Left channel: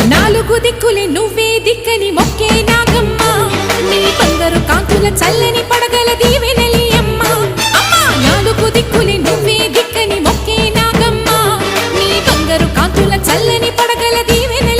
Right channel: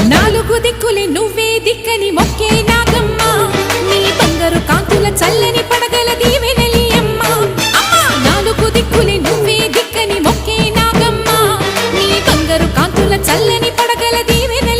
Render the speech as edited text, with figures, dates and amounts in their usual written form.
నాలుగు దిక్కులే నువ్వే దిక్కని మొక్కే నాగమ్మ నీ బంగారు కాంతుల చల్లని పడగల దీవెనలి అమ్మ అమ్మా నాలుగు దిక్కులే నువ్వే దిక్కని మొక్కే నాగమ్మ నీ బంగారు కాంతుల చల్లని పడగల దీవెన